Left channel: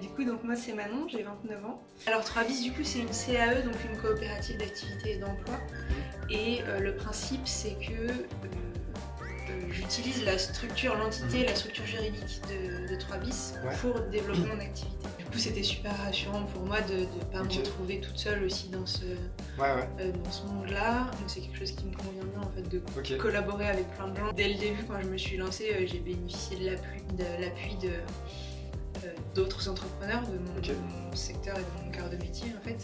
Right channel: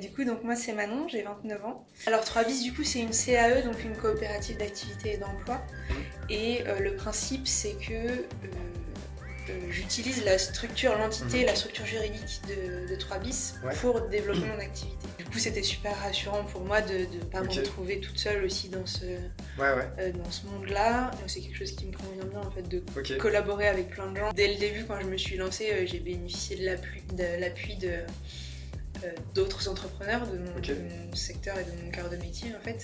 Du coup, donc moi c'est Manon, j'ai 29 ans. Alors 3 bis, du coup, c'est une CAE, donc une coopérative d'activité et d'emploi. Et le principe, c'est que j'utilise la structure juridique de 3 bis pour développer mon activité. Du coup, c'était super rassurant pour moi de ne pas me retrouver toute seule aussi dans ce monde-là. Donc c'est quelque chose qui me convient bien en fait de collaborer avec plein de gens. Dès le début, quand je me suis lancée, j'ai bénéficié de l'appui d'autres entrepreneurs de mon secteur et de mon cœur de métier en fait.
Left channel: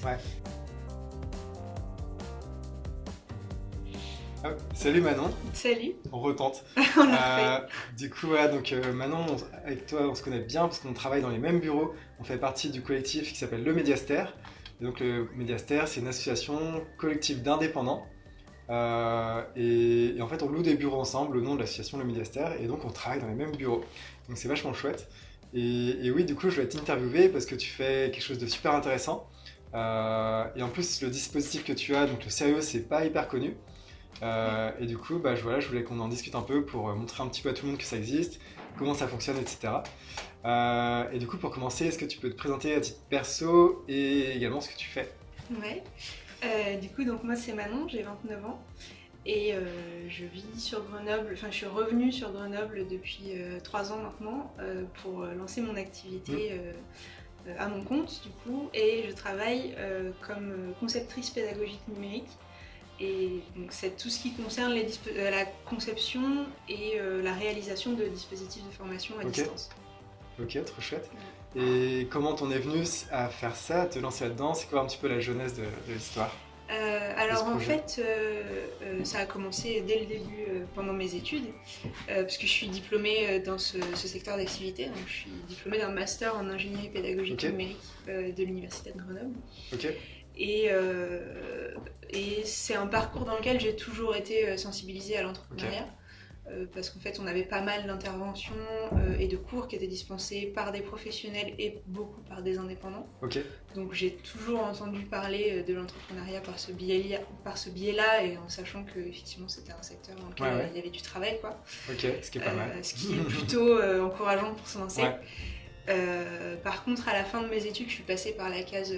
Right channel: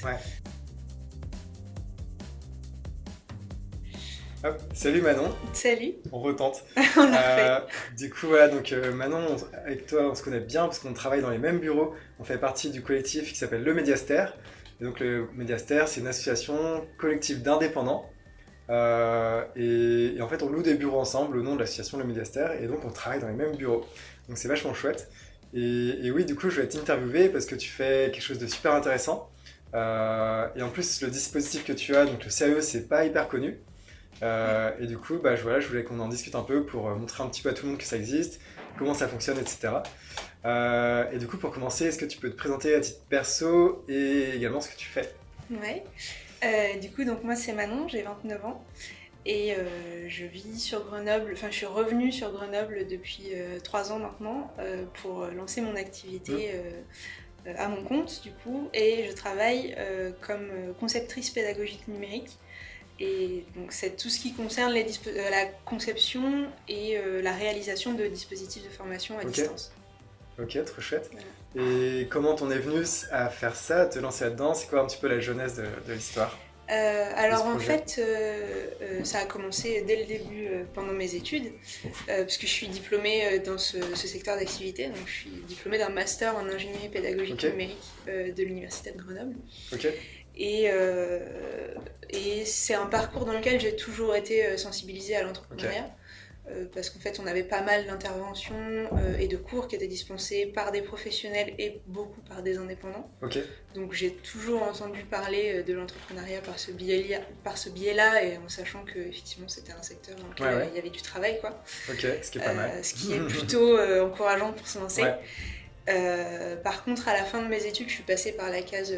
Hop, salut Manon. Salut. On retente. On l'a fait. Du coup, voilà, donc Manon, avec toi, on se connaît bien parce qu'on travaille dans les mêmes bureaux. On fait partie du collectif qui s'appelle Le Médiastère. Et donc, le Médiastère, c'est une association collective d'indépendants. Et en fait, on loue des bureaux ensemble au nom de l'association Le Médiastère. Et donc, on travaille dans les mêmes bureaux. Donc, c'est vachement chouette. Et oui, du coup, je vais t'interviewer parce que tu fais quelque chose de super intéressant. Et en plus, le dispositif que tu as, donc le CAE, c'est pas hyper connu. Et du coup, je voulais qu'on en discute un peu pour montrer un petit peu à tout le monde que ça existe, comment ça fonctionne, etc. Et du coup, pour commencer, est-ce que tu peux te présenter à titre perso et également ce que tu fais? Ouais. Du coup, donc moi c'est Manon, j'ai 29 ans et je vis sur Grenoble. Enfin, je suis revenue sur Grenoble depuis 3 ans maintenant pour lancer mon activité à mon compte du coup, et je travaille comme conceptrice pédagogique numérique. Et donc c'est tout ce qui concerne la conception et la réalisation de dispositifs de formation à distance. Ok, trop chouette. Voilà. Et comment t'en es venue à faire ça, à te lancer là-dedans? C'est quoi un petit peu la genèse de l'histoire? Alors en fait, ça a commencé dès le début pendant mes études, parce que je suis diplômée dans ce secteur d'activité. Donc je suis diplômée d'un master en ingénierie pédagogique numérique de l'université de Grenoble. Et c'est un parcours dans lequel j'ai toujours été sensibilisée à l'entrepreneuriat, parce qu'en fait on avait pas mal d'interventions et de cours qui étaient dispensés par des professionnels et beaucoup par des indépendants. Donc j'ai toujours entendu parler de l'entrepreneuriat par ce biais-là, et en sachant que effectivement c'était un secteur dans lequel il y avait du travail, quoi. Ce qui est pas mal. Ce qui est plutôt encourageant pour se lancer. Par contre, à la fin de mes études, je suis passée par la case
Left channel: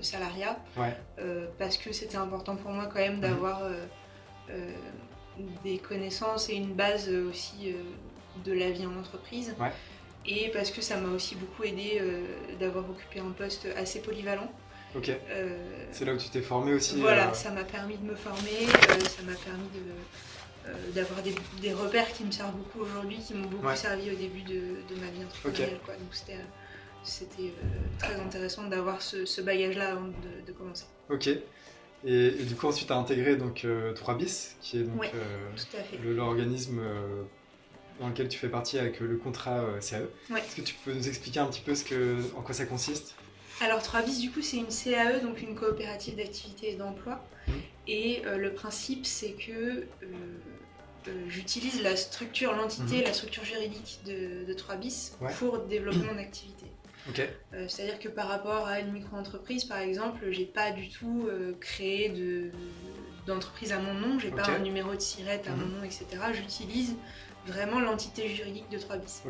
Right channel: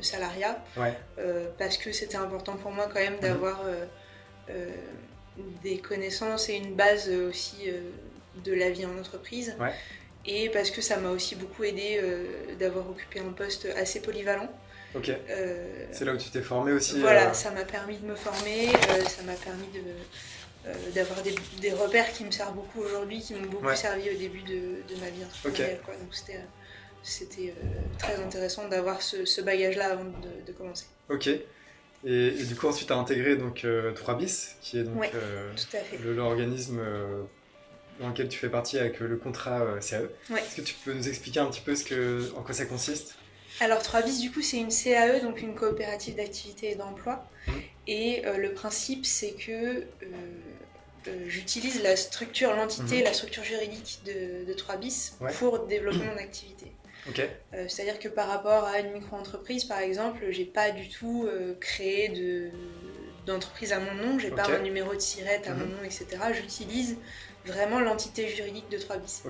salariat, parce que c'était important pour moi quand même d'avoir des connaissances et une base aussi de la vie en entreprise, et parce que ça m'a aussi beaucoup aidé d'avoir occupé un poste assez polyvalent. C'est là où tu t'es formée aussi. Voilà, ça m'a permis de me former, ça m'a permis d'avoir des repères qui me servent beaucoup aujourd'hui, qui m'ont beaucoup servi au début de ma vie entrepreneuriale, quoi. Donc c'était très intéressant d'avoir ce bagage-là avant de commencer. Et du coup, ensuite, tu as intégré donc, 3 bis, qui est donc tout à fait. l'organisme dans lequel tu fais partie avec le contrat CAE. Est-ce que tu peux nous expliquer un petit peu en quoi ça consiste? Alors 3 bis, du coup, c'est une CAE, donc une coopérative d'activité et d'emploi. Et le principe, c'est que j'utilise la structure juridique de 3 bis pour développer mon activité. C'est-à-dire que par rapport à une micro-entreprise, par exemple, j'ai pas du tout créé d'entreprise à mon nom, j'ai pas un numéro de SIRET à mon nom, etc. J'utilise vraiment l'entité juridique de 3 bis.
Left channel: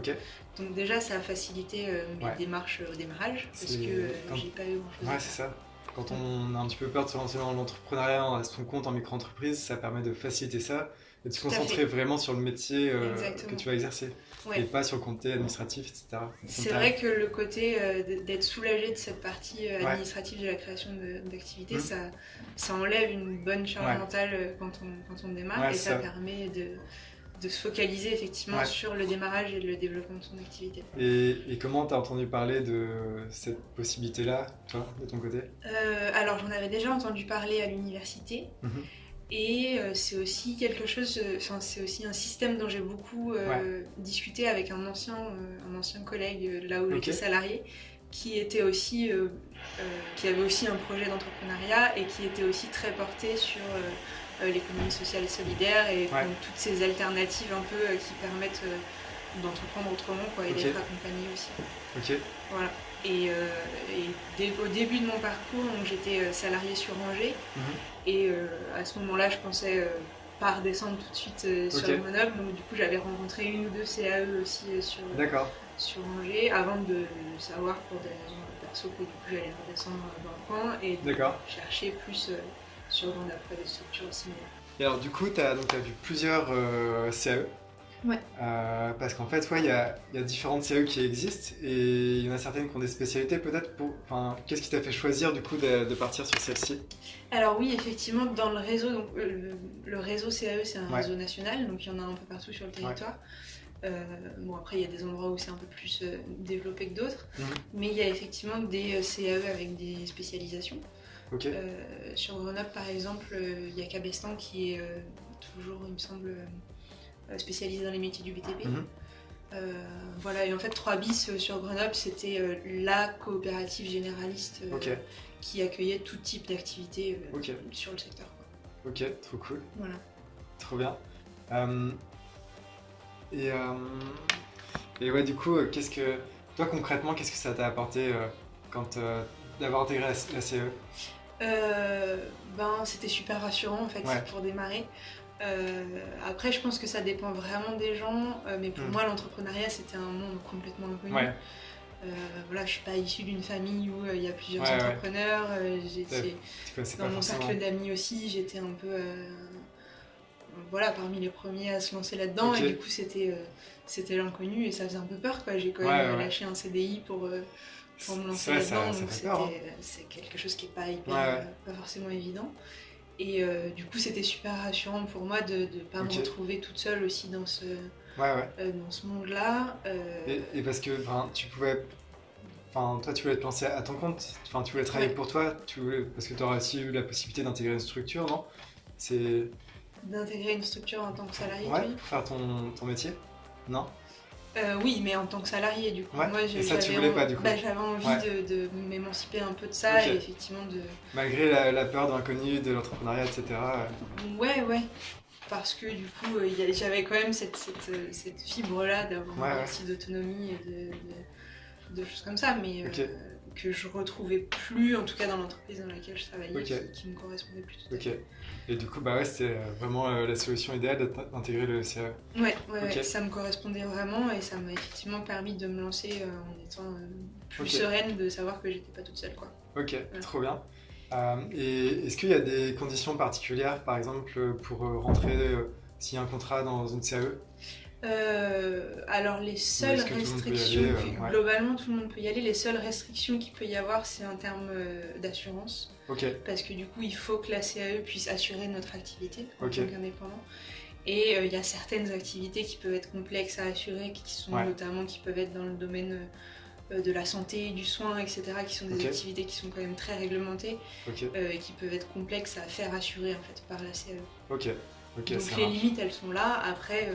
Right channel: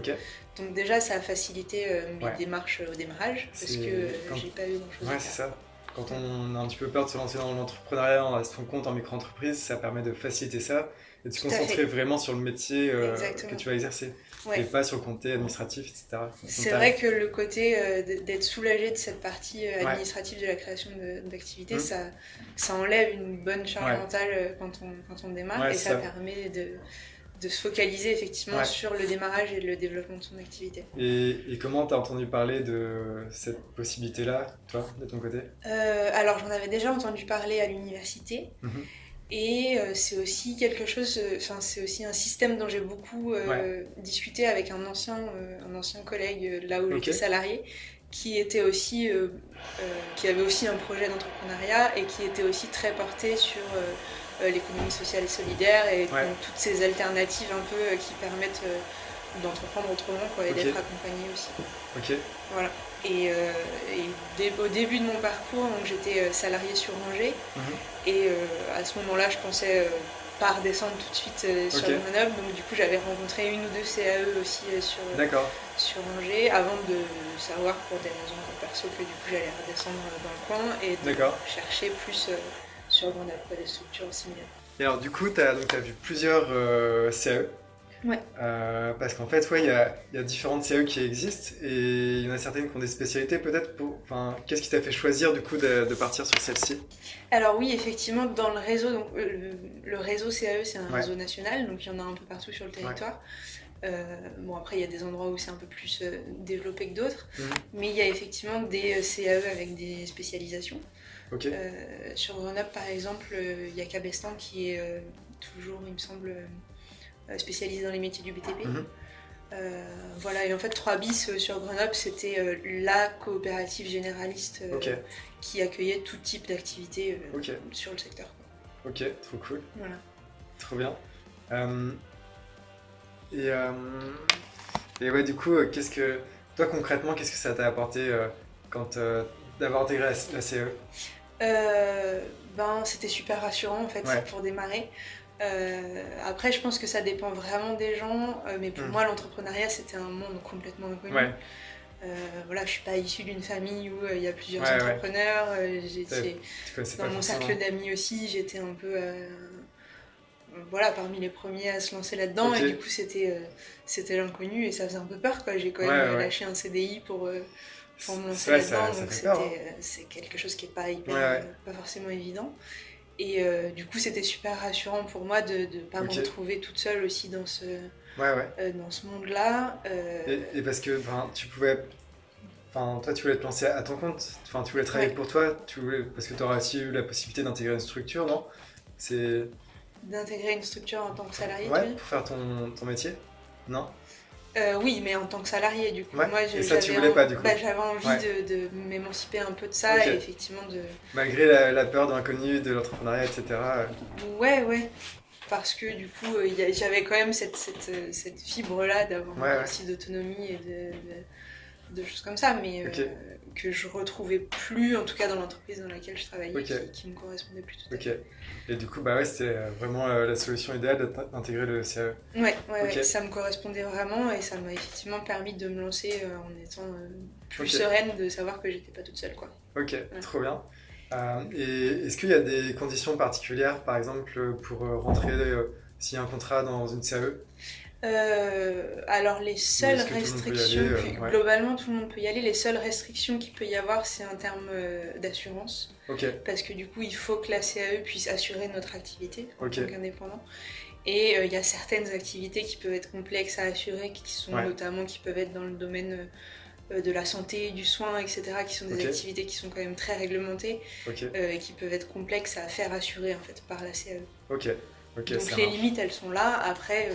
Donc déjà, ça a facilité mes démarches au démarrage, parce que j'ai pas eu grand-chose à faire. C'est ça. Quand on a un petit peu peur de se lancer dans l'entrepreneuriat, à son compte en micro-entreprise, ça permet de faciliter ça et de se concentrer vraiment sur le métier que tu vas exercer. Et pas sur le côté administratif, etc. C'est vrai que le côté d'être soulagé de cette partie administrative de la création d'activité, ça enlève une bonne charge mentale quand on démarre, et ça permet de se focaliser effectivement sur le démarrage et le développement de son activité. Et comment tu as entendu parler de cette possibilité-là, toi, de ton côté? Alors j'en avais déjà entendu parler à l'université. Et c'est aussi quelque chose, c'est aussi un système dont j'ai beaucoup discuté avec un ancien collègue là où j'étais salariée, qui avait aussi un projet d'entrepreneuriat et qui était aussi très porté sur l'économie sociale et solidaire, et donc toutes ces alternatives un peu qui permettent d'entreprendre autrement, quoi, et d'être accompagné aussi. Voilà. Et au début de mon parcours, donc, j'étais salariée sur Angers, et à ce moment-là, je pensais pas redescendre tout de suite sur Grenoble, donc du coup j'avais rencontré une ou deux CAE aussi sur Angers avant de savoir pour des raisons perso que du coup j'allais redescendre dans le coin et de chercher plus sur Grenoble, des structures similaires. Et alors du coup, tu as vu plusieurs CAE. Ouais. Parce qu'en fait, il y a différentes CAE qui existent et il y en a certaines qui ont des spécialités peut-être. Qu'est-ce qui t'a fait choisir du coup de partir sur celle-ci? Alors oui, effectivement, dans le réseau, donc, le réseau CAE, c'est un réseau national, donc il y en a un peu partout sur le territoire. Bon, après, il y a des endroits où c'est un peu plus développé que d'autres, mais il y a effectivement des CAE avec des spécialisations. Okay. Sur Grenoble, par exemple, il y a Cabestan qui est toujours, il me semble, spécialisé dans les métiers du BTP. Voilà, et en fait 3 bis sur Grenoble, c'était la coopérative généraliste qui accueillait tout type d'activité sur le secteur. Ok, trop cool. Voilà. Trop bien. Et ouais, du coup, toi concrètement, qu'est-ce que ça t'a apporté d'avoir intégré la CAE? C'était super rassurant en fait pour démarrer. Après, je pense que ça dépend vraiment des gens, mais pour moi, l'entrepreneuriat c'était un monde complètement inconnu. Voilà, je suis pas issue d'une famille où il y a plusieurs entrepreneurs. Dans mon cercle d'amis aussi, j'étais un peu parmi les premiers à se lancer là-dedans, et du coup c'était l'inconnu et ça faisait un peu peur, quoi. J'ai quand même lâché un CDI pour me lancer là-dedans, donc c'est quelque chose qui est pas pas forcément évident. Et du coup, c'était super rassurant pour moi de ne pas me retrouver toute seule aussi dans ce monde-là. Et parce que tu pouvais... toi, tu voulais te lancer à ton compte, tu voulais travailler pour toi, parce que tu aurais aussi eu la possibilité d'intégrer une structure, non? D'intégrer une structure en tant que salarié, pour faire ton métier? Non? Oui, mais en tant que salarié, du coup. Moi, et ça, tu voulais pas, du coup? J'avais envie de m'émanciper un peu de ça, et effectivement de... Malgré la peur de l'inconnu, de l'entrepreneuriat, etc. Ouais. Parce que du coup, j'avais quand même cette fibre-là d'avoir aussi d'autonomie et de choses comme ça, mais que je retrouvais plus, en tout cas dans l'entreprise dans laquelle je travaillais, qui me correspondait plus tout à fait. Et du coup, c'était vraiment la solution idéale d'intégrer le CAE. Ouais, ça me correspondait vraiment et ça m'a effectivement permis de me lancer en étant plus sereine, de savoir que j'étais pas toute seule, quoi. Trop bien. Et est-ce qu'il y a des conditions particulières, par exemple, pour rentrer s'il y a un contrat dans une CAE? Alors les seules restrictions, globalement tout le monde peut y aller, les seules restrictions qu'il peut y avoir, c'est en termes d'assurance. Parce que du coup il faut que la CAE puisse assurer notre activité en tant qu'indépendant. Et il y a certaines activités qui peuvent être complexes à assurer, qui peuvent être dans le domaine de la santé, du soin, etc., qui sont des activités qui sont quand même très réglementées et qui peuvent être complexes à faire assurer en fait par la CAE. Donc les limites elles sont là. Après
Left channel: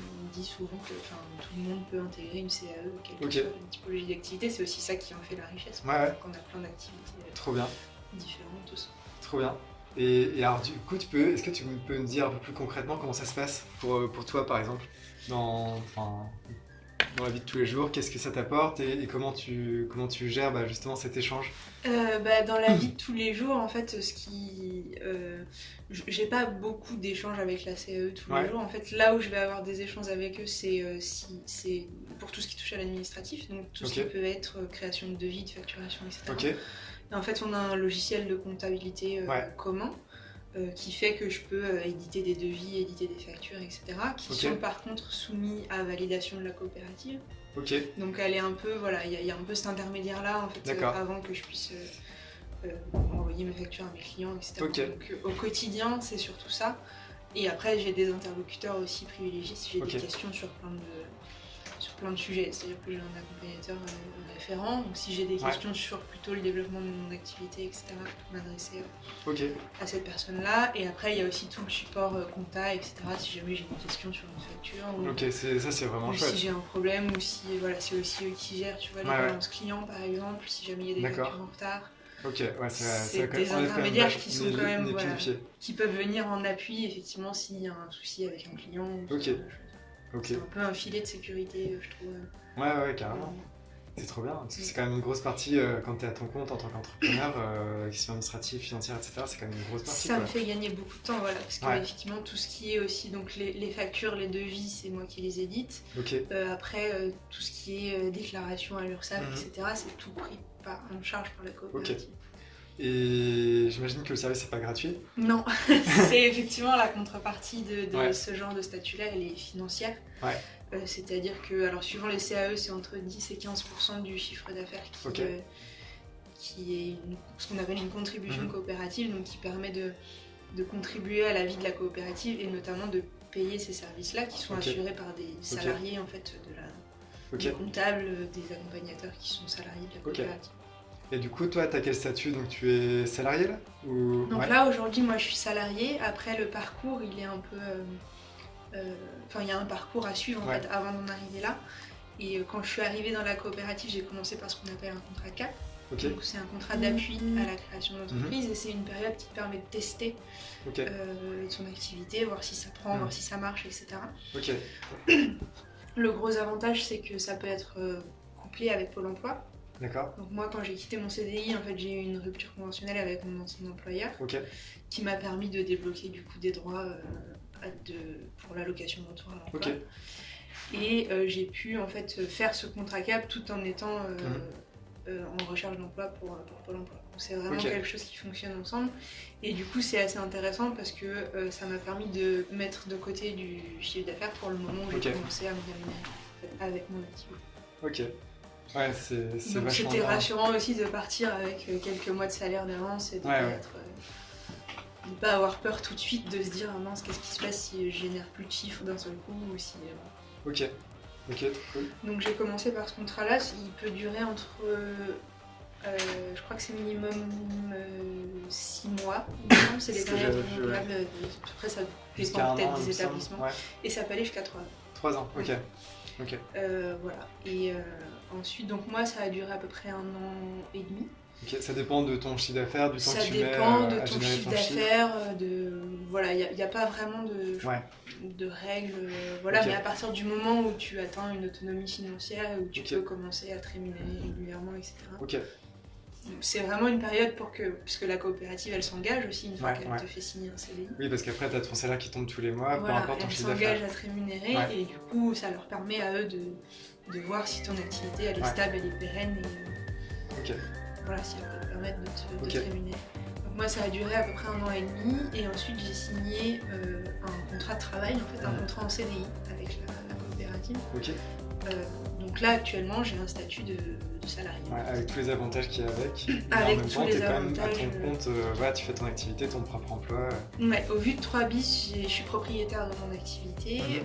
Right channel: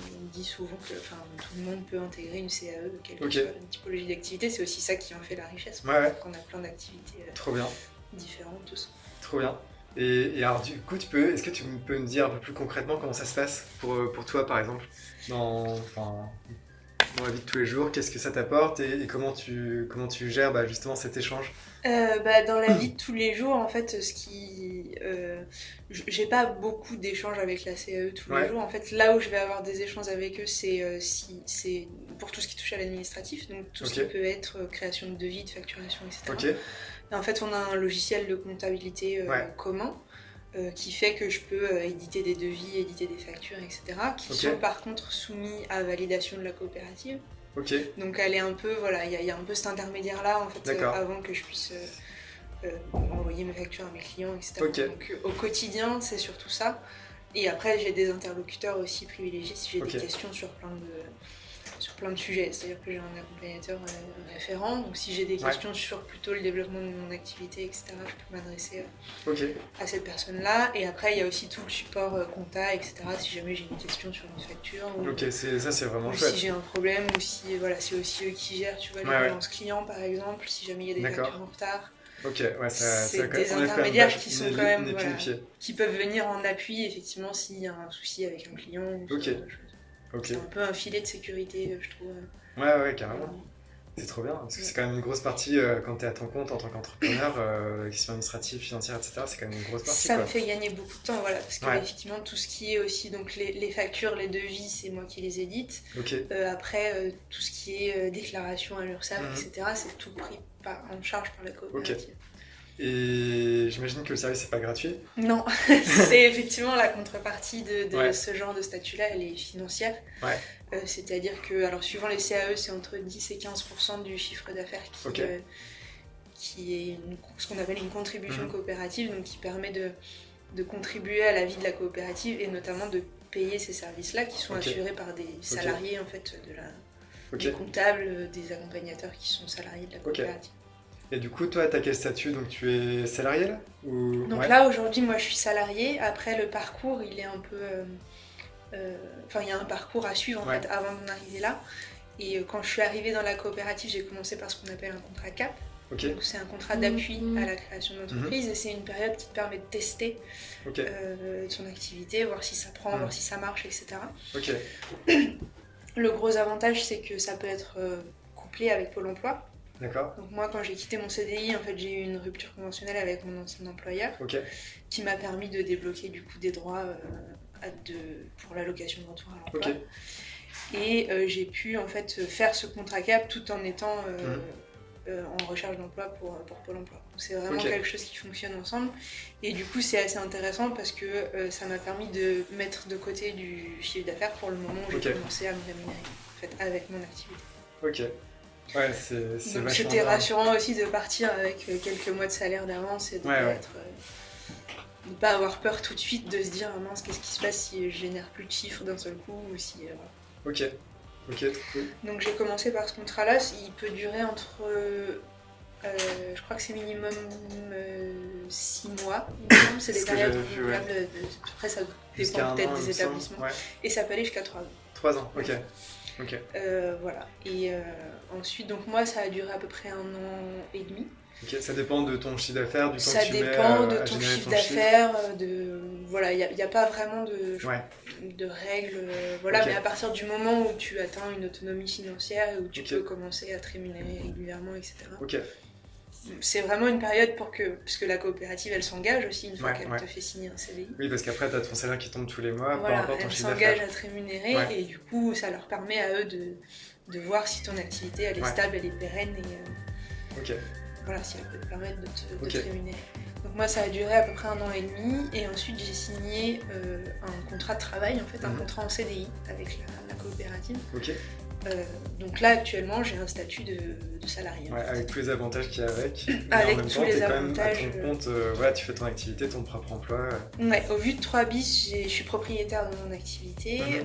on dit souvent que tout le monde peut intégrer une CAE, quelle que soit la typologie d'activité. C'est aussi ça qui en fait la richesse, qu'on a plein d'activités différentes tous. Trop bien. Et alors du coup, est-ce que tu peux me dire un peu plus concrètement comment ça se passe pour toi, par exemple, dans la vie de tous les jours? Qu'est-ce que ça t'apporte et comment tu gères justement cet échange? Dans la vie de tous les jours, en fait, j'ai pas beaucoup d'échanges avec la CAE tous les jours. En fait, là où je vais avoir des échanges avec eux, c'est pour tout ce qui touche à l'administratif, donc tout ce qui peut être création de devis, de facturation, etc. Et en fait, on a un logiciel de comptabilité commun qui fait que je peux éditer des devis, éditer des factures, etc. qui sont par contre soumis à validation de la coopérative. Donc elle est un peu, il y a un peu cet intermédiaire là en fait avant que je puisse envoyer mes factures à mes clients, etc. Donc au quotidien c'est surtout ça. Et après j'ai des interlocuteurs aussi privilégiés si j'ai des questions sur plein de sujets. C'est-à-dire que j'ai un accompagnateur référent, donc si j'ai des questions sur plutôt le développement de mon activité, etc., je peux m'adresser à cette personne-là. Et après, il y a aussi tout le support compta, etc., si jamais j'ai une question sur une facture. Ça c'est vraiment chouette. Ou si j'ai un problème, ou si c'est aussi eux qui gèrent, tu vois, les balances clients par exemple, si jamais il y a des factures en retard. C'est des intermédiaires qui sont quand même, qui peuvent venir en appui, effectivement, s'il y a un souci avec un client. C'est un peu un filet de sécurité, je trouve. Carrément. C'est trop bien, parce que c'est quand même une grosse partie quand tu es à ton compte en tant qu'entrepreneur, la question administrative, financière, etc. C'est quand même une grosse partie. Ça me fait gagner beaucoup de temps, voilà, parce que Ouais. effectivement tout ce qui est aussi donc les factures, les devis, c'est moi qui les édite. Ok. Après tout ce qui est déclaration à l'URSSAF, Mhm. etc. C'est tout pris en charge par la coopérative. Et j'imagine que le service n'est pas gratuit. Non, c'est effectivement la contrepartie de Ouais. ce genre de statut-là, elle est financière. Ouais. C'est-à-dire que, alors suivant les CAE, c'est entre 10 et 15% du chiffre d'affaires Ok. qui est ce qu'on appelle une contribution Mhm. coopérative, donc qui permet de contribuer à la vie de la coopérative et notamment de payer ces services-là qui sont Ok. assurés par des salariés en fait Ok. des comptables, des accompagnateurs qui sont salariés de la coopérative. Et du coup, toi, tu as quel statut? Donc tu es salarié là ou... Donc Ouais. là aujourd'hui moi je suis salariée, après le parcours il est un peu... Enfin il y a un parcours à suivre en Ouais. fait avant d'en arriver là. Et quand je suis arrivée dans la coopérative, j'ai commencé par ce qu'on appelle un contrat CAP. Ok. Donc c'est un contrat d'appui à la création d'entreprise et c'est une période qui te permet de tester Ok. son activité, voir si ça prend, voir si ça marche, etc. Ok. Le gros avantage c'est que ça peut être couplé avec Pôle emploi. D'accord. Donc moi quand j'ai quitté mon CDI, en fait j'ai eu une rupture conventionnelle avec mon ancien employeur Ok. qui m'a permis de débloquer du coup des droits pour l'allocation de retour à l'emploi. Ok. Et j'ai pu en fait faire ce contrat CAP tout en étant en recherche d'emploi pour Pôle emploi. Donc c'est vraiment quelque chose qui fonctionne ensemble. Et du coup c'est assez intéressant parce que ça m'a permis de mettre de côté du chiffre d'affaires pour le moment où j'ai commencé à me rémunérer en fait, avec mon activité. Ok. Ouais, c'est donc c'était rassurant aussi de partir avec quelques mois de salaire d'avance et de ne pas avoir peur tout de suite de se dire ah mince qu'est-ce qui se passe si je génère plus de chiffres d'un seul coup ou si... Ok, trop cool. Donc j'ai commencé par ce contrat-là, il peut durer entre... je crois que c'est minimum 6 mois, c'est des périodes renouvelables, après ça dépend peut-être des établissements, et ça peut aller jusqu'à 3 ans. 3 ans, ok. Voilà, et ensuite donc moi ça a duré à peu près 1 an et demi. Ok, ça dépend de ton chiffre d'affaires, du temps que tu mets Ça dépend de ton chiffre d'affaires, voilà, il n'y a pas vraiment de règles, voilà, mais à partir du moment où tu atteins une autonomie financière et où tu peux commencer à te rémunérer régulièrement, etc. Ok. C'est vraiment une période parce que la coopérative elle s'engage aussi une fois qu'elle te fait signer un CDI. Oui, parce qu'après tu as ton salaire qui tombe tous les mois, voilà, peu importe ton chiffre d'affaires. Elle s'engage à te rémunérer et du coup ça leur permet à eux de voir si ton activité elle est stable, elle est pérenne et voilà, si elle peut te permettre de te rémunérer. Donc moi ça a duré à peu près 1 an et demi et ensuite j'ai signé un contrat de travail, en fait un contrat en CDI avec la coopérative. Donc là actuellement j'ai un statut de salarié. Ouais, avec tous les avantages qu'il y a avec. Avec tous les avantages. À ton compte, tu fais ton activité, ton propre emploi. Ouais, au vu de 3 bis, je suis propriétaire de mon activité.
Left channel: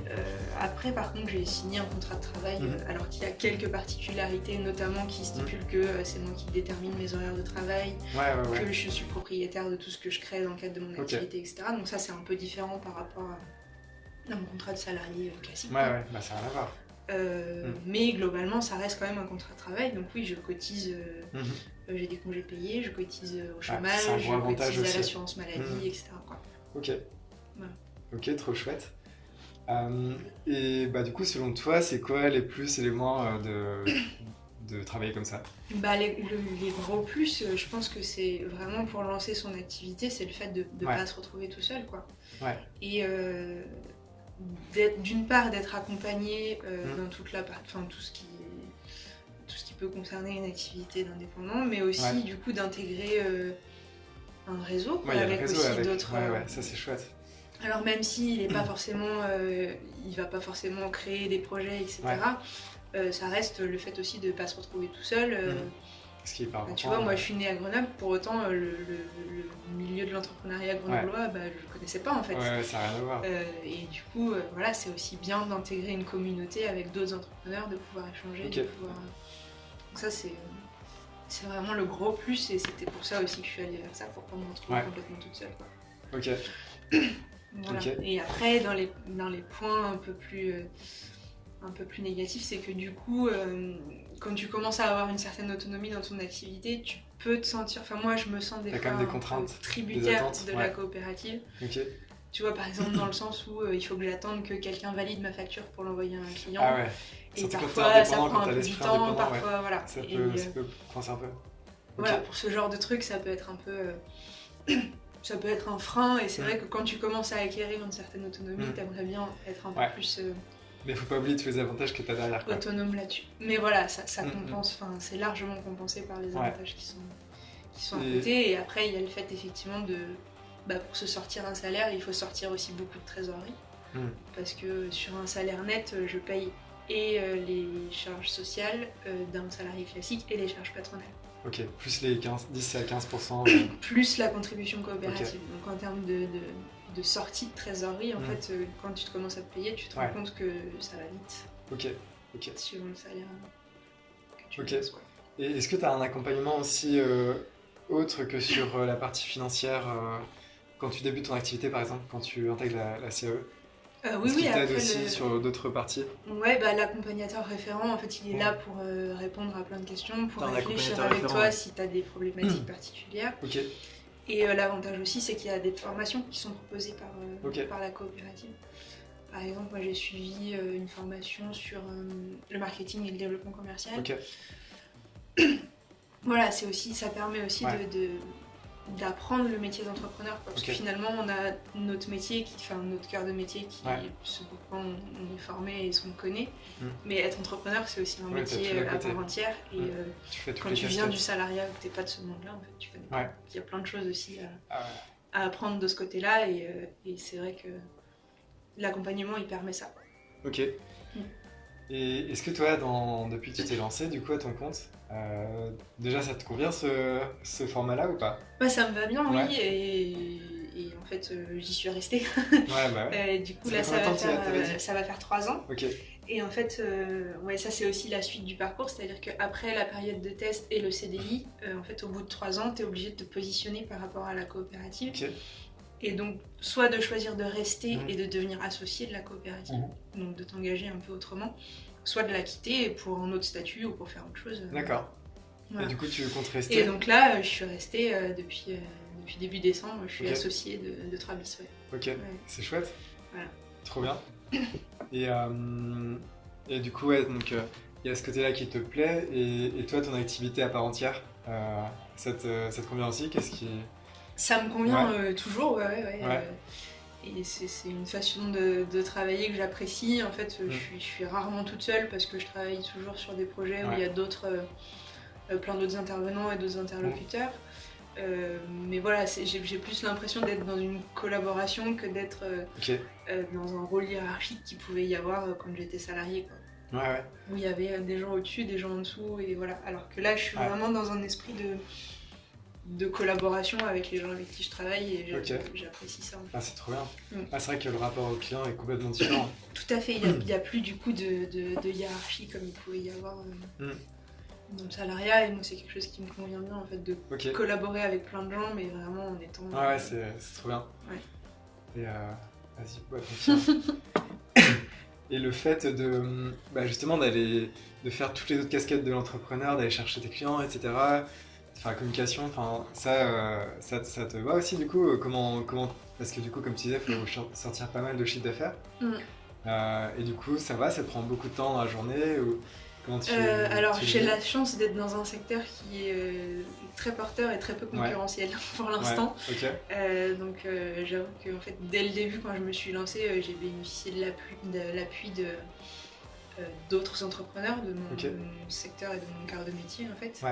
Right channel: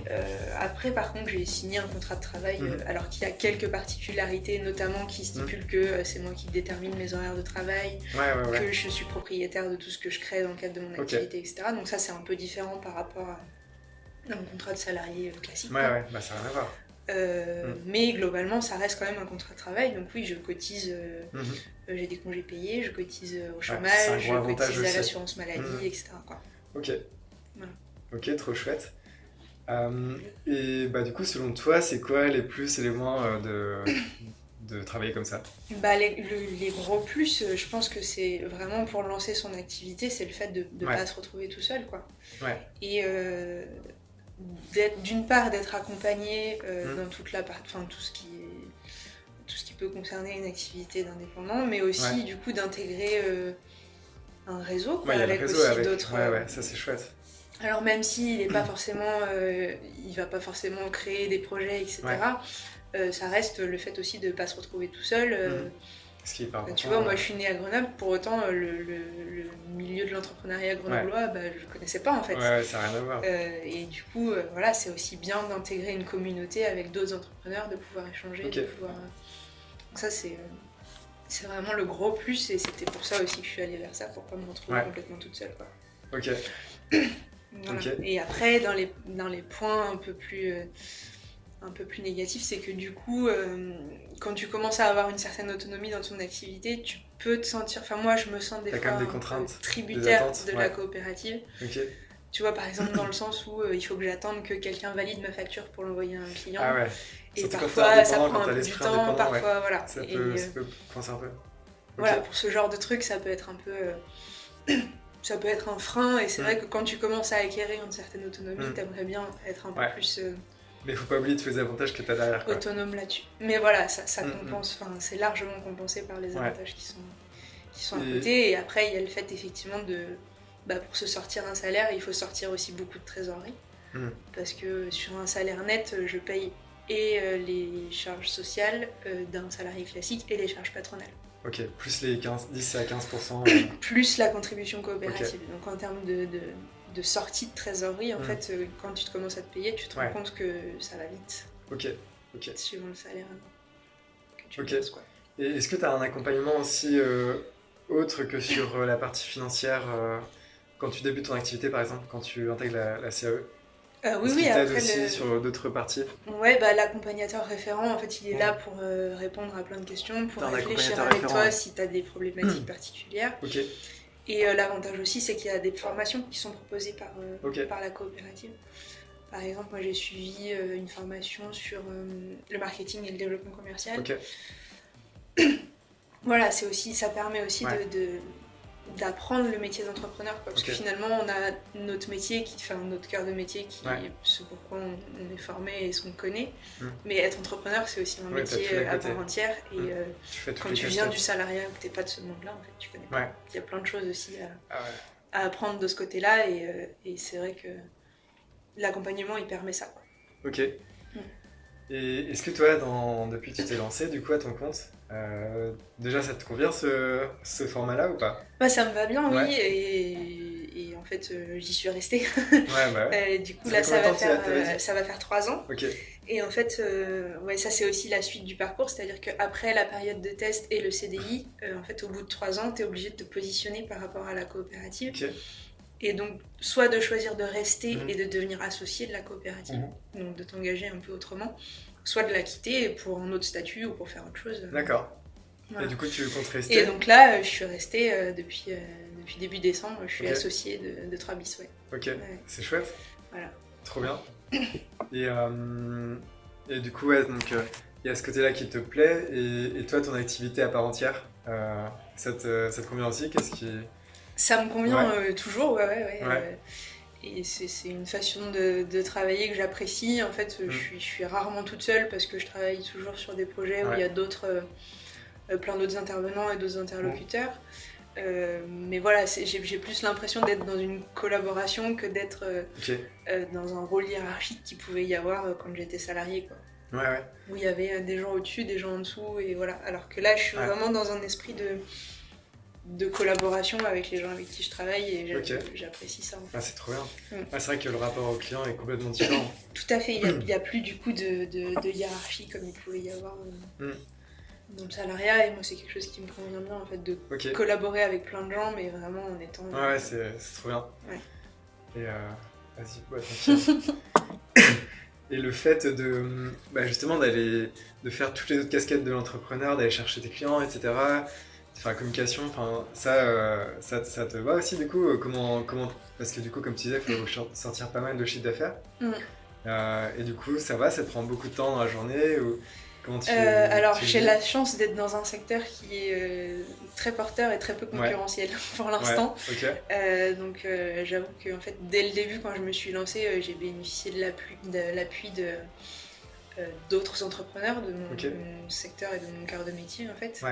Après par contre j'ai signé un contrat de travail alors qu'il y a quelques particularités, notamment qui stipulent que c'est moi qui détermine mes horaires de travail, que je suis propriétaire de tout ce que je crée dans le cadre de mon activité, etc. Donc ça c'est un peu différent par rapport à mon contrat de salarié classique. Ouais, bah ça n'a rien à voir. Mais globalement ça reste quand même un contrat de travail, donc oui je cotise, j'ai des congés payés, je cotise au chômage, je cotise à l'assurance maladie, etc. quoi. Ok. Voilà. Ok, trop chouette. Et bah du coup selon toi c'est quoi les plus et les moins de travailler comme ça? Bah, les gros plus, je pense que c'est vraiment pour lancer son activité, c'est le fait de ne pas se retrouver tout seul quoi. Et d'une part d'être accompagné dans toute la partie, enfin tout ce qui peut concerner une activité d'indépendant, mais aussi du coup d'intégrer un réseau quoi, avec aussi d'autres. Ça c'est chouette. Alors même s'il est pas forcément, il va pas forcément créer des projets, etc. Ça reste le fait aussi de pas se retrouver tout seul. Ce qui est pas important, tu vois, moi je suis née à Grenoble, pour autant le milieu de l'entrepreneuriat grenoblois, je connaissais pas en fait. Ça n'a rien à voir. Et du coup, voilà, c'est aussi bien d'intégrer une communauté avec d'autres entrepreneurs, de pouvoir échanger, de pouvoir. Donc ça c'est vraiment le gros plus, et c'était pour ça aussi que je suis allée vers ça, pour pas me retrouver complètement toute seule quoi. Ok. Voilà. Et après dans les points un peu plus négatif, c'est que du coup, quand tu commences à avoir une certaine autonomie dans ton activité, tu peux te sentir... Enfin, moi, je me sens des fois un peu tributaire de la coopérative. Tu vois, par exemple, dans le sens où il faut que j'attende que quelqu'un valide ma facture pour l'envoyer à un client. Et Surtout quand t'es parfois, ça indépendant, prend quand un t'as peu du l'esprit temps, indépendant, parfois, ouais. voilà. Ça Et peut coincer un peu. voilà, Ok. pour ce genre de truc, ça peut être un peu... ça peut être un frein, et c'est vrai que quand tu commences à acquérir une certaine autonomie, t'aimerais bien être un peu plus Mais faut pas oublier tous les avantages que t'as derrière, quoi. autonome là-dessus. Mais voilà, ça compense, enfin, c'est largement compensé par les avantages qui sont à côté. Et après, il y a le fait effectivement de... pour se sortir un salaire, il faut sortir aussi beaucoup de trésorerie. Parce que sur un salaire net, je paye et les charges sociales d'un salarié classique et les charges patronales. Ok, plus les 10 à 15%. Plus la contribution coopérative. Donc en termes de sortie de trésorerie, en fait, quand tu te commences à te payer, tu te rends compte que ça va vite. Ok. Suivant le salaire que tu gagnes, quoi. Et est-ce que tu as un accompagnement aussi autre que sur la partie financière quand tu débutes ton activité, par exemple, quand tu intègres la CAE? Oui, oui, après aussi sur d'autres parties? Ouais, l'accompagnateur référent, en fait, il est là pour répondre à plein de questions, pour réfléchir avec toi si tu as des problématiques particulières. Ok. Et l'avantage aussi, c'est qu'il y a des formations qui sont proposées par la coopérative. Par exemple, moi, j'ai suivi une formation sur le marketing et le développement commercial. Ok. Voilà, ça permet aussi d'apprendre le métier d'entrepreneur, parce que finalement on a notre métier, notre cœur de métier qui est ce pourquoi on est formé et ce qu'on connaît, mais être entrepreneur c'est aussi un métier à part entière, et quand tu viens du salariat ou que t'es pas de ce monde-là, en fait, tu connais pas. Il y a plein de choses aussi à apprendre de ce côté-là, et c'est vrai que l'accompagnement il permet ça, quoi. Ok. Et est-ce que toi, depuis que tu t'es lancé du coup à ton compte, déjà ça te convient ce format-là ou pas? Ça me va bien, oui, et en fait j'y suis restée. Du coup là ça va faire 3 ans. Ok. Et en fait, ça c'est aussi la suite du parcours, c'est-à-dire qu'après la période de test et le CDI, en fait au bout de 3 ans, tu es obligé de te positionner par rapport à la coopérative. Ok. Et donc, soit de choisir de rester et de devenir associé de la coopérative, donc de t'engager un peu autrement, soit de la quitter pour un autre statut ou pour faire autre chose. D'accord. Voilà. Et du coup, tu comptes rester? Et donc là, je suis restée depuis début décembre, je suis associée de 3bis, Ok, c'est chouette. Voilà. Trop bien. Et du coup, donc il y a ce côté-là qui te plaît, et toi, ton activité à part entière, ça te convient aussi? Ça me convient toujours, et c'est une façon de travailler que j'apprécie. En fait, je suis rarement toute seule parce que je travaille toujours sur des projets où il y a plein d'autres intervenants et d'autres interlocuteurs. Mais voilà, j'ai plus l'impression d'être dans une collaboration que d'être dans un rôle hiérarchique qu'il pouvait y avoir quand j'étais salariée, quoi. Où il y avait des gens au-dessus, des gens en dessous, et voilà. Alors que là, je suis vraiment dans un esprit de collaboration avec les gens avec qui je travaille, et j'apprécie ça, en fait. C'est trop bien. C'est vrai que le rapport au client est complètement différent. Tout à fait, il n'y a plus du coup de hiérarchie comme il pouvait y avoir dans le salariat, et moi c'est quelque chose qui me convient bien, en fait, de collaborer avec plein de gens, mais vraiment en étant... c'est trop bien. Et vas-y, continue. Et le fait de justement de faire toutes les autres casquettes de l'entrepreneur, d'aller chercher tes clients, etc., de faire la communication, ça te va aussi, du coup? Comment parce que du coup, comme tu disais, il faut sortir pas mal de chiffre d'affaires. Et du coup, ça te prend beaucoup de temps dans la journée, ou comment alors, j'ai la chance d'être dans un secteur qui est très porteur et très peu concurrentiel pour l'instant. Donc j'avoue que, en fait, dès le début, quand je me suis lancée, j'ai bénéficié de l'appui d'autres entrepreneurs de mon secteur et de mon cœur de métier, en fait.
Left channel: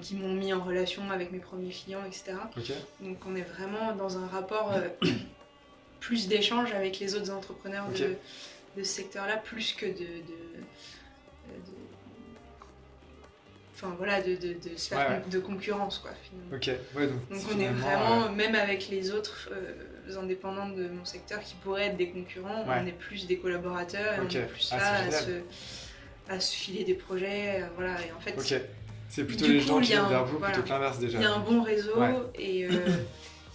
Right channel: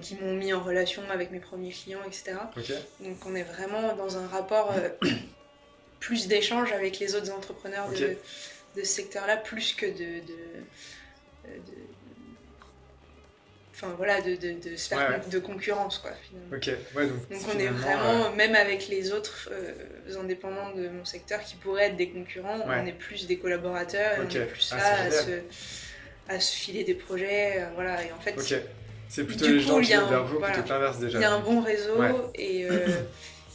Qui m'ont mis en relation avec mes premiers clients, etc. Donc on est vraiment dans un rapport plus d'échange avec les autres entrepreneurs de ce secteur-là, plus que de sphère de concurrence, quoi, finalement. Donc on est vraiment, même avec les autres indépendants de mon secteur qui pourraient être des concurrents, on est plus des collaborateurs, et on est plus là à se filer des projets, et en fait c'est plutôt les gens qui viennent vers vous, plutôt que l'inverse, déjà. Il y a un bon réseau, et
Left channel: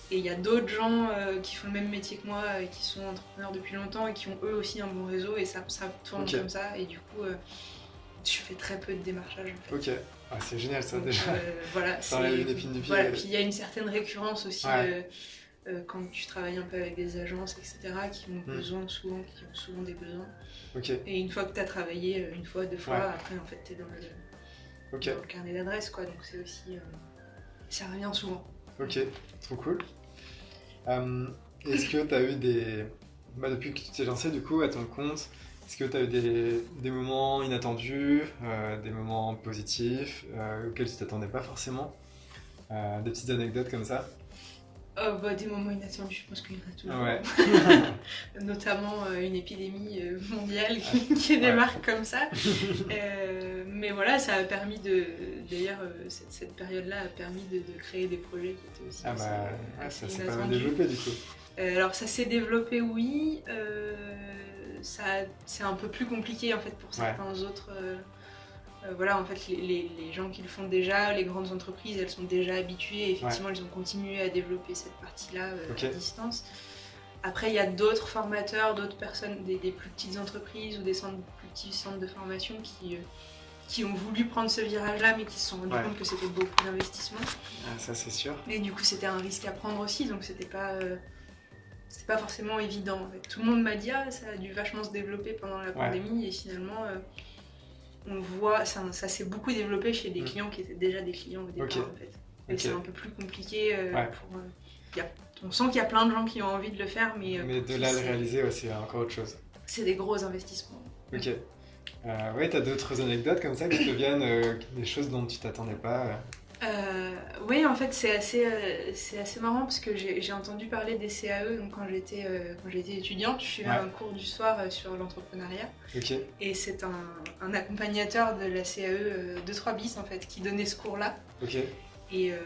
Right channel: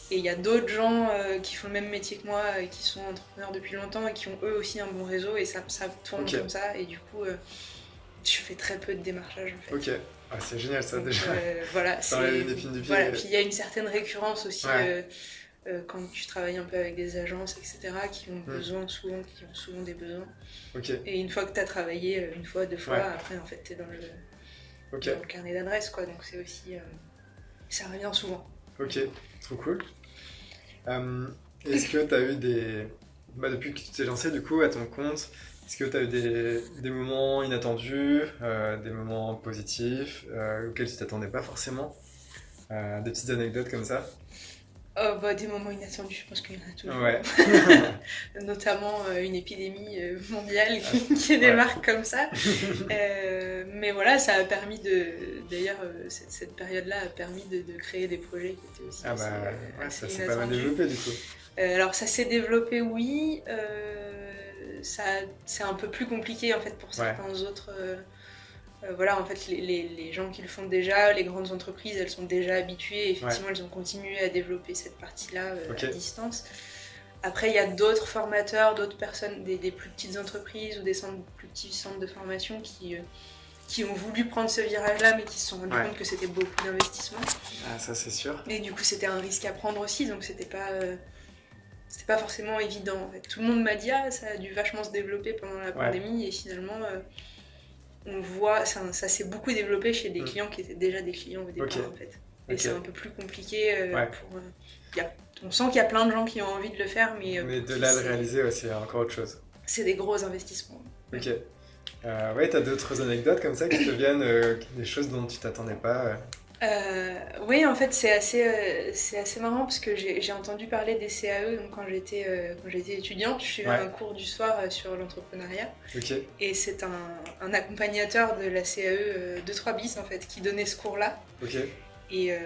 il y a d'autres gens qui font le même métier que moi, qui sont entrepreneurs depuis longtemps et qui ont eux aussi un bon réseau, et ça tourne comme ça, et du coup je fais très peu de démarchage, en fait. C'est génial, ça. Donc, déjà ça enlève l'épine du pied. Puis il y a une certaine récurrence aussi quand tu travailles un peu avec des agences, etc., qui ont qui ont souvent des besoins. Et une fois que tu as travaillé une fois, 2 fois, après, en fait, tu es dans le carnet d'adresses, quoi. Donc c'est aussi... ça revient souvent. Ok, trop cool. Est-ce que tu as eu depuis que tu t'es lancé, du coup, à ton compte, est-ce que tu as eu des moments inattendus, des moments positifs, auxquels tu t'attendais pas forcément, des petites anecdotes comme ça? Des moments inattendus, je pense qu'il y en a toujours. Ouais. Notamment une épidémie mondiale qui démarque comme ça. Mais voilà, ça a permis d'ailleurs, cette période-là a permis de créer des projets qui étaient aussi assez ça s'est inattendus. pas mal développé du coup. Alors ça s'est développé, oui. C'est un peu plus compliqué en fait pour certains autres. Voilà, en fait, les gens qui le font déjà, les grandes entreprises, elles sont déjà habituées. Et effectivement, elles ont continué à développer cette partie-là à distance. Après, il y a d'autres formateurs, d'autres personnes, des plus petites entreprises ou des plus petits centres de formation qui ont voulu prendre ce virage-là, mais qui se sont rendus compte que c'était beaucoup d'investissement. Ça, c'est sûr. Et du coup, c'était un risque à prendre aussi, donc c'était pas forcément évident. En fait. Tout le monde m'a dit ça a dû vachement se développer pendant la pandémie, et finalement... on voit, ça s'est beaucoup développé chez des clients qui étaient déjà des clients au départ en fait. Et c'est un peu plus compliqué on sent qu'il y a plein de gens qui ont envie de le faire, mais de là le réaliser, c'est encore autre chose. C'est des gros investissements. Ok. T'as d'autres anecdotes comme ça qui te viennent, des choses dont tu t'attendais pas Oui, en fait, c'est assez marrant parce que j'ai entendu parler des CAE donc quand j'étais étudiante. Je suivais un cours du soir sur l'entrepreneuriat. Et c'est un accompagnateur de la CAE 2-3 bis en fait, qui donnait ce cours-là. Et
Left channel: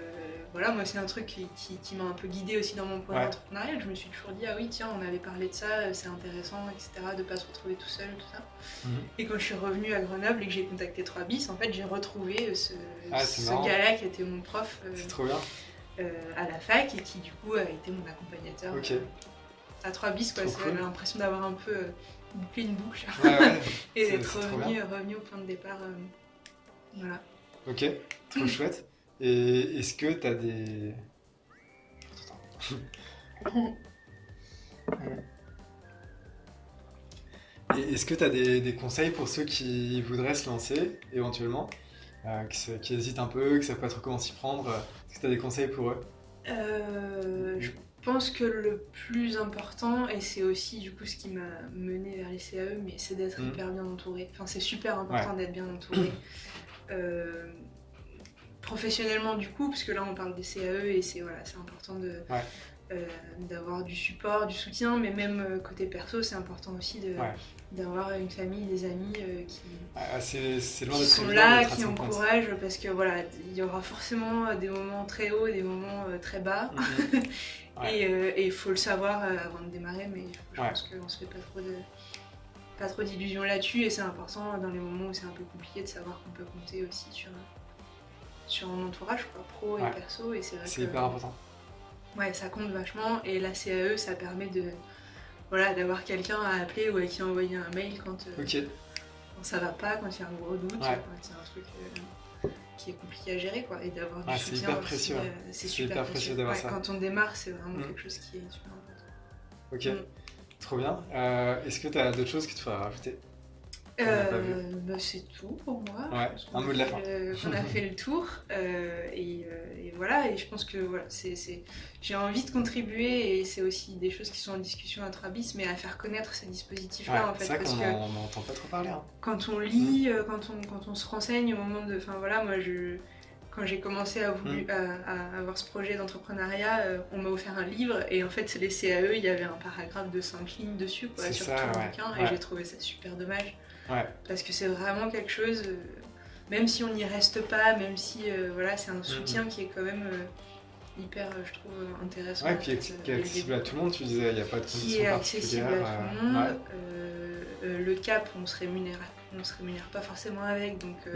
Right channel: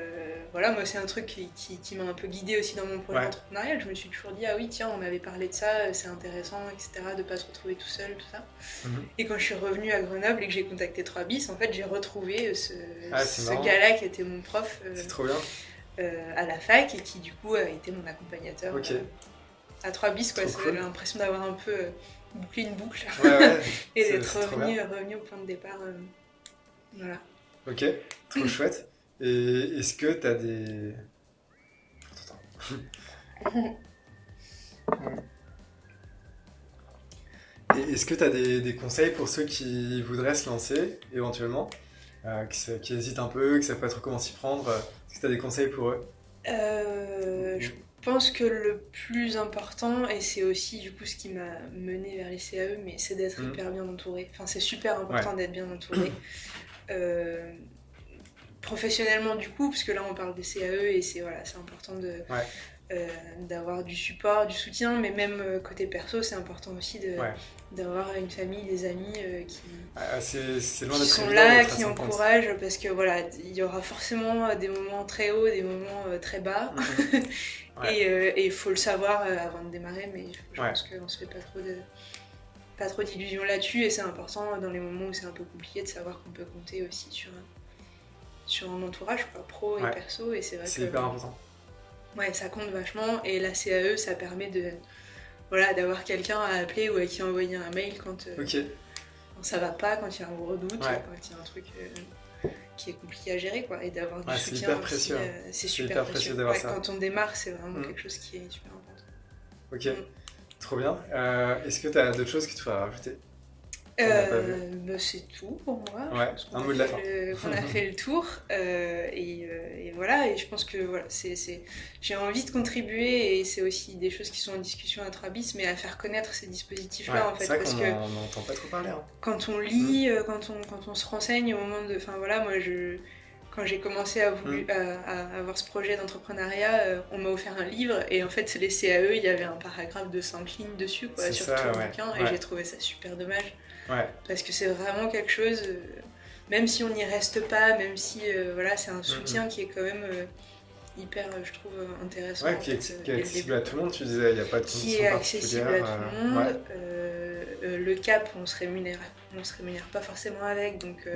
voilà, moi, c'est un truc qui m'a un peu guidée aussi dans mon projet entrepreneurial. Je me suis toujours dit, ah oui, tiens, on avait parlé de ça, c'est intéressant, etc., de pas se retrouver tout seul, tout ça. Et quand je suis revenue à Grenoble et que j'ai contacté 3 bis, en fait, j'ai retrouvé ce gars-là qui était mon prof c'est trop bien. à la fac et qui, du coup, a été mon accompagnateur à 3 bis, quoi. J'ai l'impression d'avoir un peu bouclé une boucle et d'être revenu au point de départ. Voilà. Ok, trop chouette. Et est-ce que tu as des... Et est-ce que tu as des conseils pour ceux qui voudraient se lancer, éventuellement, qui hésitent un peu, qui ne savent pas trop comment s'y prendre? Est-ce que tu as des conseils pour eux? Je pense que le plus important, et c'est aussi du coup ce qui m'a mené vers les CAE, mais c'est d'être hyper bien entouré. Enfin, c'est super important d'être bien entouré. Professionnellement du coup, parce que là on parle des CAE et c'est important d'avoir du support, du soutien, mais même côté perso, c'est important aussi d'avoir une famille, des amis qui sont là, qui encouragent, parce que voilà, il y aura forcément des moments très hauts, des moments très bas, et il faut le savoir avant de démarrer, mais je pense qu'on se fait pas trop d'illusions là-dessus, et c'est important dans les moments où c'est un peu compliqué de savoir qu'on peut compter aussi sur un entourage pro et perso, et c'est vrai que c'est hyper important. Ouais, ça compte vachement, et la CAE, ça permet d'avoir quelqu'un à appeler ou à qui envoyer un mail quand ça va pas, quand il y a un gros doute, quand il y a un truc qui est compliqué à gérer, quoi, et d'avoir du soutien super précieux, aussi, c'est super précieux. d'avoir ça. Quand on démarre, c'est vraiment quelque chose qui est super important. Ok, trop bien. Est-ce que tu as d'autres choses que tu vas rajouter? C'est tout pour moi. Ouais, je pense qu'on a fait le tour, et voilà, et je pense que voilà, j'ai envie de contribuer, et c'est aussi des choses qui sont en discussion à 3 bis, mais à faire connaître ces dispositifs-là, en fait, parce qu'on n'entend pas trop parler. Quand on lit, quand on se renseigne au moment de... Enfin voilà, moi quand j'ai commencé à avoir ce projet d'entrepreneuriat, on m'a offert un livre, et en fait les CAE, il y avait un paragraphe de 5 lignes dessus, sur tout le bouquin, et j'ai trouvé ça super dommage. Parce que c'est vraiment quelque chose, même si on n'y reste pas, même si c'est un soutien qui est quand même hyper, je trouve, intéressant. Qui est accessible à tout le monde, tu disais, il n'y a pas de conditions qui est accessible à tout le monde. Le CAP, on se rémunère pas forcément avec, donc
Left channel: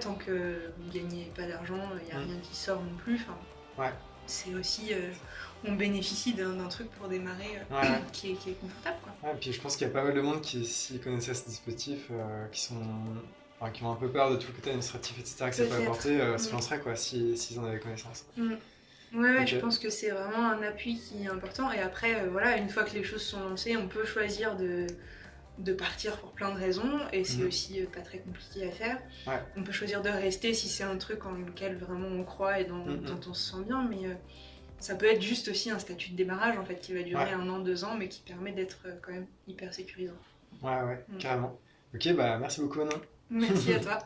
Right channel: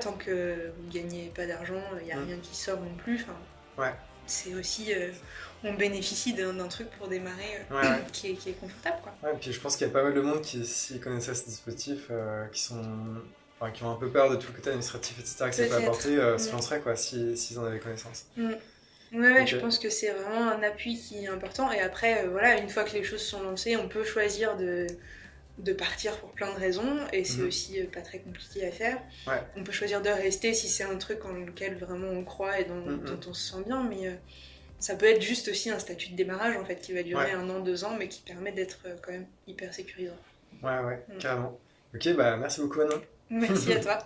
tant que vous ne gagnez pas d'argent, il n'y a rien qui sort non plus. C'est aussi... on bénéficie d'un truc pour démarrer qui est confortable, quoi. Et puis je pense qu'il y a pas mal de monde qui, s'ils connaissaient ce dispositif, qui ont un peu peur de tout le côté administratif, etc., que ça peut apporter, se lanceraient, quoi, s'ils en avaient connaissance. Ouais, Ok. je pense que c'est vraiment un appui qui est important. Et après, voilà, une fois que les choses sont lancées, on peut choisir de partir pour plein de raisons. Et c'est Mhm. aussi pas très compliqué à faire. Ouais. On peut choisir de rester si c'est un truc en lequel vraiment on croit et dont Mhm. on se sent bien. Mais ça peut être juste aussi un statut de démarrage en fait qui va durer Ouais. 1 an, 2 ans, mais qui permet d'être quand même hyper sécurisant. Ouais, ouais, Mm. carrément. Ok, bah merci beaucoup, Manon. Merci à toi.